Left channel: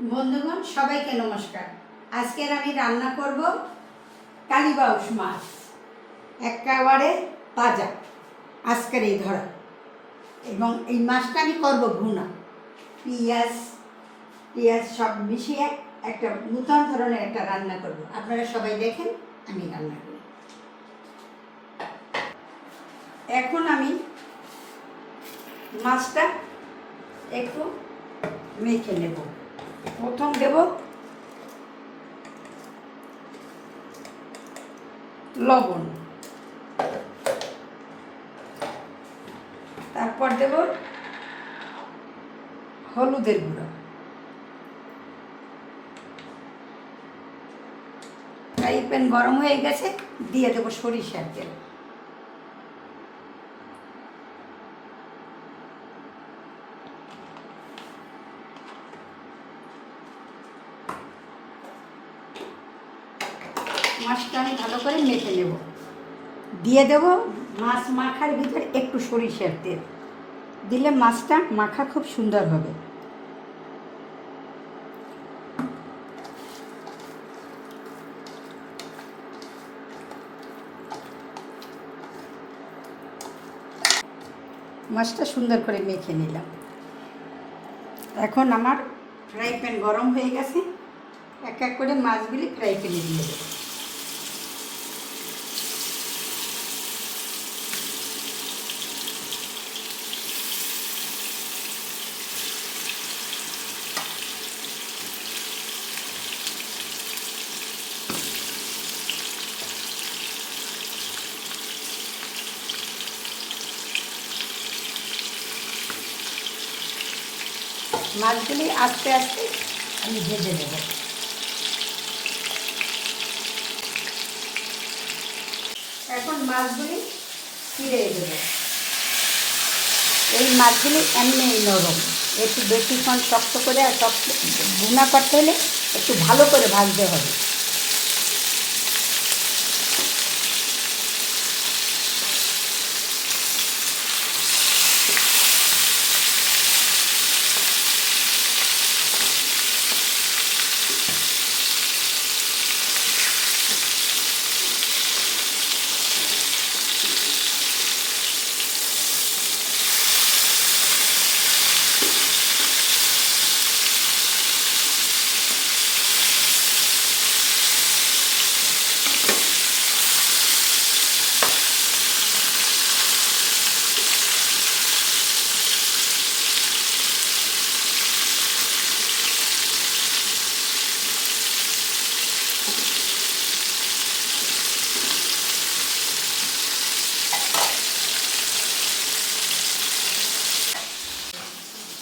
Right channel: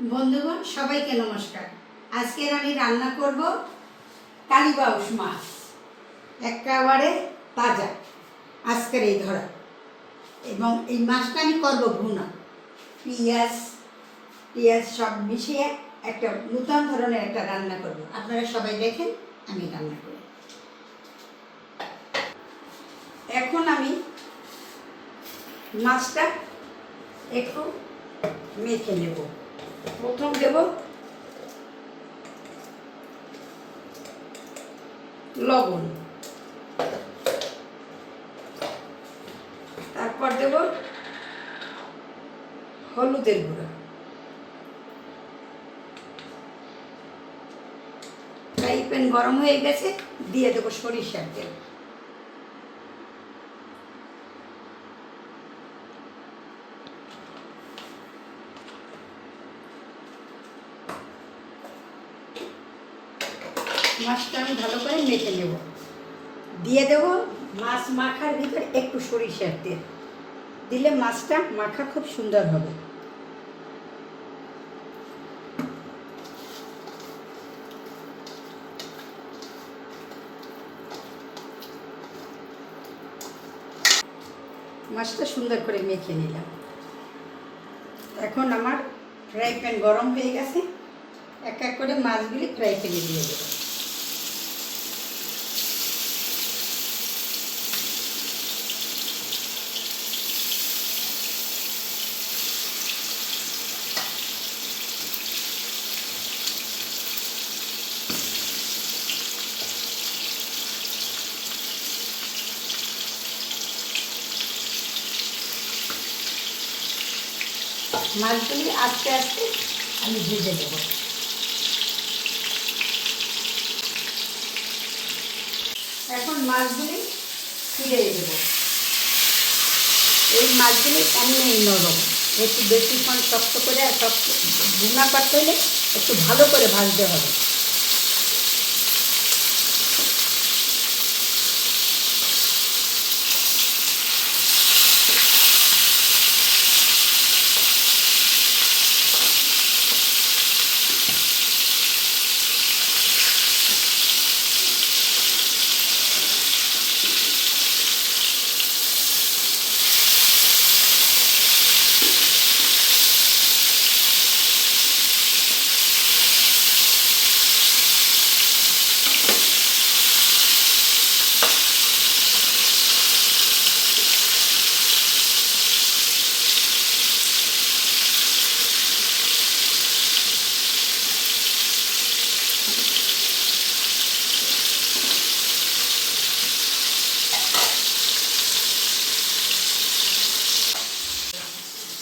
বন্ধুগণ সবাইকে নমস্কার। আজকের আমি রান্না করব কালীবাউস মাছ, একেবারে তাজা আজকের এই ধরা। এবং এই মাছটা আমি করব ভুনা, পেঁয়াজ সব মিশিয়ে একটা নতুন ধরনের একটা রান্না করব। আপনারা সবাই দেখেন আমি রান্না করি। এখন আমি মাছটা একটু মেখে নেব। প্রথম দেব লবণ, তারপর দেব হলুদের গুঁড়ো, ফ্রাই প্যান গরম হয়ে গেছে, দিয়ে দেবো সরিষার তেল। মাছটা আমি ভালো করে মেখে নেব। দিয়ে দেব মাছ মাখার ভিতরে একটু সরিষার তেল, দিলে মাছটা মাখা খুব সুন্দর হবে। মাছটা সুন্দর করে মেখে নিলাম। এখন আমার ফ্রাই প্যান গরম হয়ে গেছে, এক এক করে মাছগুলি ফ্রাই প্যানে দিয়ে দেব। মাছগুলি আস্তে আস্তে আমি ভেজে দেব। এখন মাছগুলি ফিরে দেব। এই মাছগুলি এমনি নরম, একটু বেশিক্ষণ শক্ত করে আর শক্ত ভুনা করতে হলে একটু ভালো করে ভাজতে হবে।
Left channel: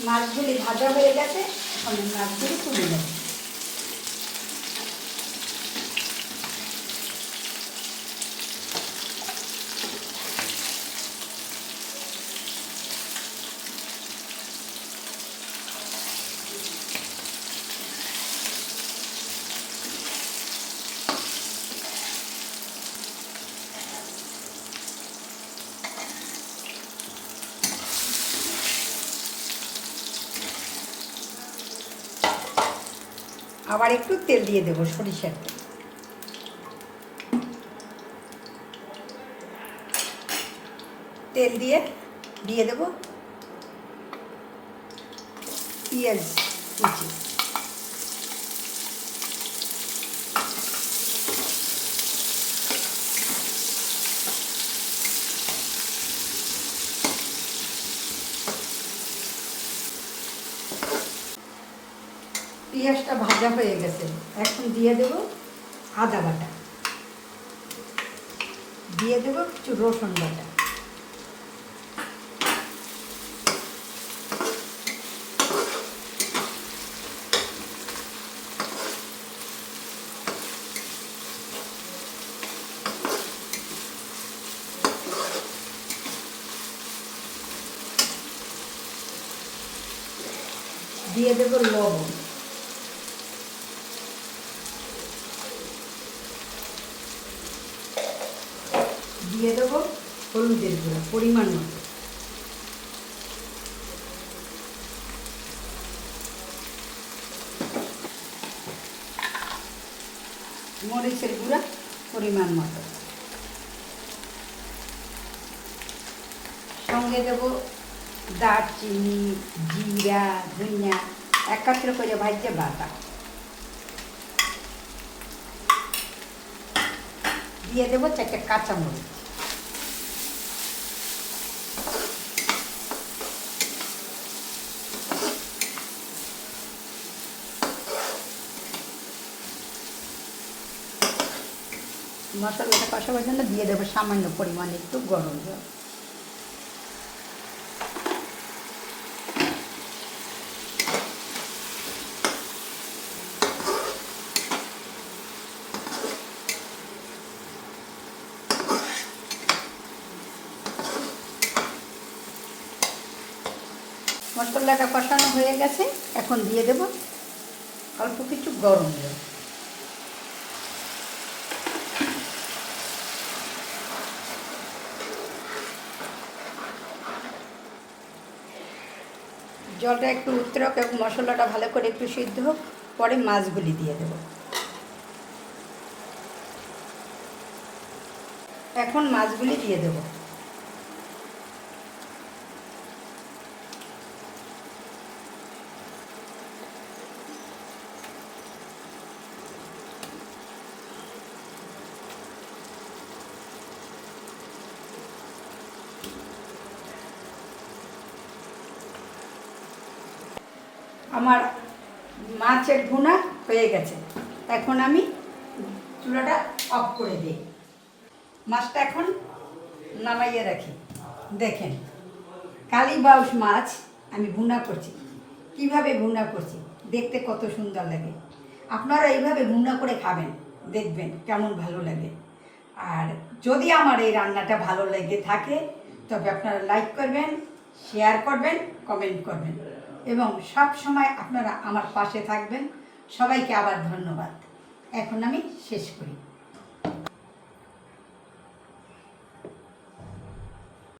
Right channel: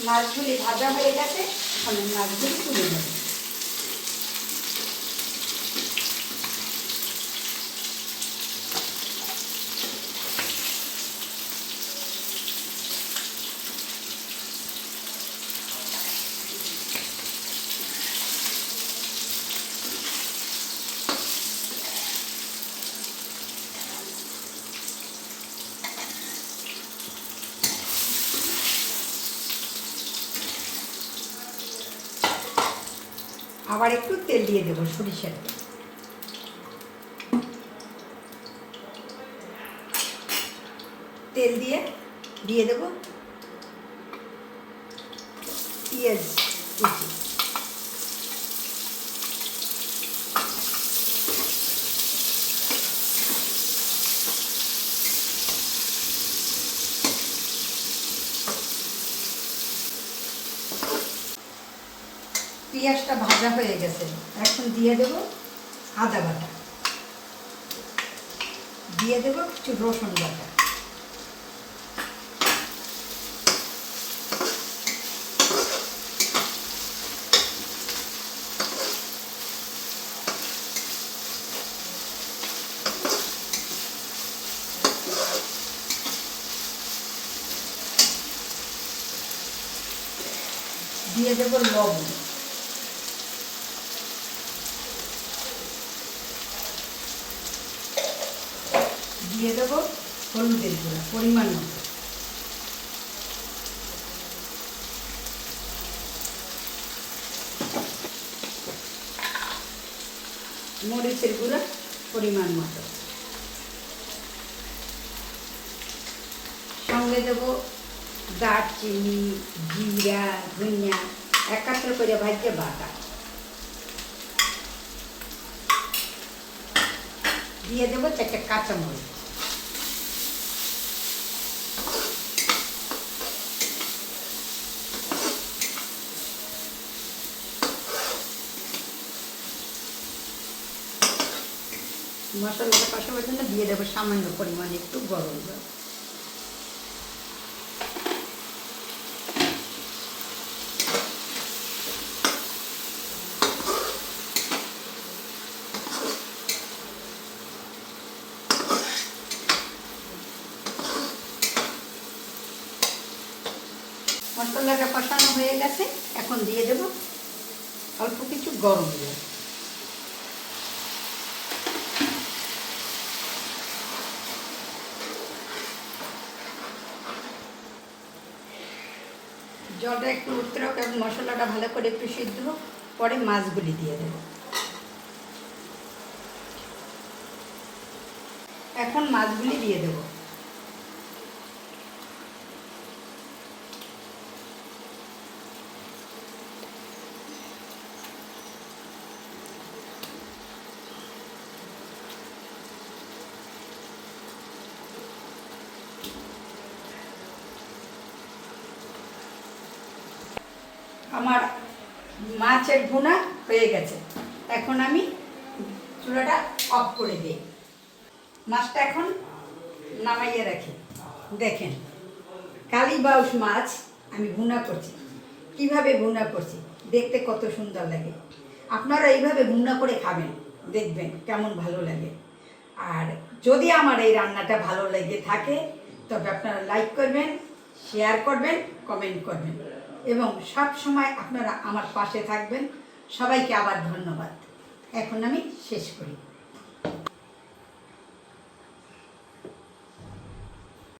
মাছগুলি ভাজা হয়ে গেছে, এখন মাছগুলি তুলে দেব। আবার একটু তেল দিয়ে দেবো, সরিষার তেল। তেল দিয়ে দেবো পেঁয়াজ কুচি, পেঁয়াজটা ভাজা হয়ে গেছে। এখন দিয়ে দেব আদা বাটা, দিয়ে দেব কিছু রসুন বাটা, দিয়ে দেব লবণ, দিয়ে দেব হলুদের গুঁড়ো পরিমাণ মতো, মরিচের গুঁড়া পরিমাণ মতো, সঙ্গে দেবো দারচিনি, জিরা, ধনিয়া একাত্র করে ভাজতে বাটা, দিয়ে দেবো 4টে কাঁচামরিচ, মশলাটা কষাবার জন্য দিয়ে দেবো সামান্য পরিমাণে একটু গরম জল। মশলাটা কষানো হয়ে গেছে, এখন দিয়ে দেব অল্প কিছু গরম জল। জলটা একটু উতরোক এবং মশলাটা ভালো করে একটু সিদ্ধ হোক, পরে মাছগুলি দিয়ে দেবো। এখন মাছগুলি দিয়ে দেবো। আমার মাছের ভুনা হয়ে গেছে, এখন আমি চুলাটা অফ করে দিই। মাছটা এখন নামাইয়ে রাখি। দেখেন কালীবাউস মাছ আমি ভুনা করছি। কিভাবে ভুনা করছি দেখতে কত সুন্দর লাগে। আপনারা এইভাবে ভুনা করে খাবেন, দেখবেন কেমন ভালো লাগে। আর যদি আমার এই রান্নাটা ভালো লেগে থাকে তবে আপনারা লাইক করবেন, শেয়ার করবেন, কমেন্ট করবেন এবং সব সময় আপনারা আমার পাশে থাকবেন। সবাইকে আবার ধন্যবাদ। এখন আমি শেষ করি।